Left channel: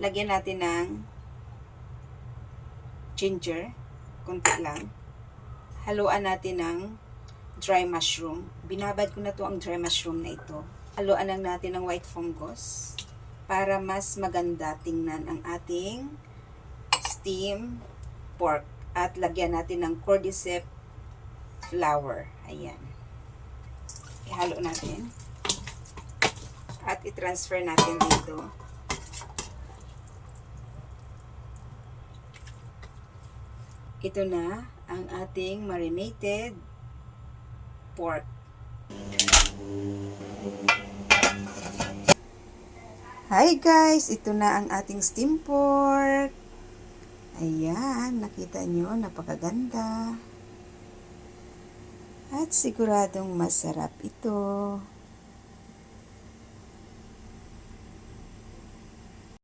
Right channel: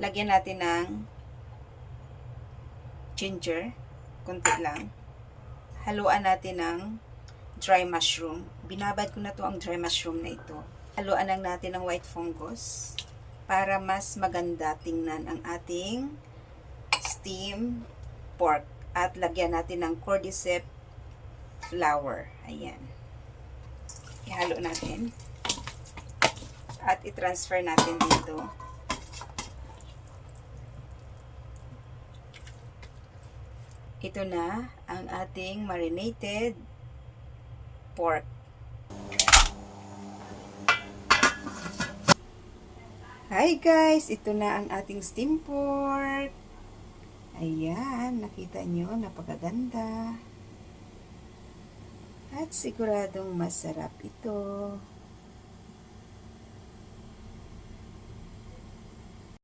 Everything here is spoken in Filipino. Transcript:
Lagyan natin ng ginger, konti lang. Haluan natin ng dry mushroom. Binabad ko na to ang dry mushroom na ito. Haluan lang natin ng white fungus para mas maganda tingnan ang ating steam pork. At lagyan natin ng cordyceps flour. Ayan. Ihalo natin. At i-transfer natin dito. Ito na ang ating marinated pork. Hi guys! Ito na ang ating steam pork. Ayan, nakita nyo, napakaganda. At siguradong masarap ito.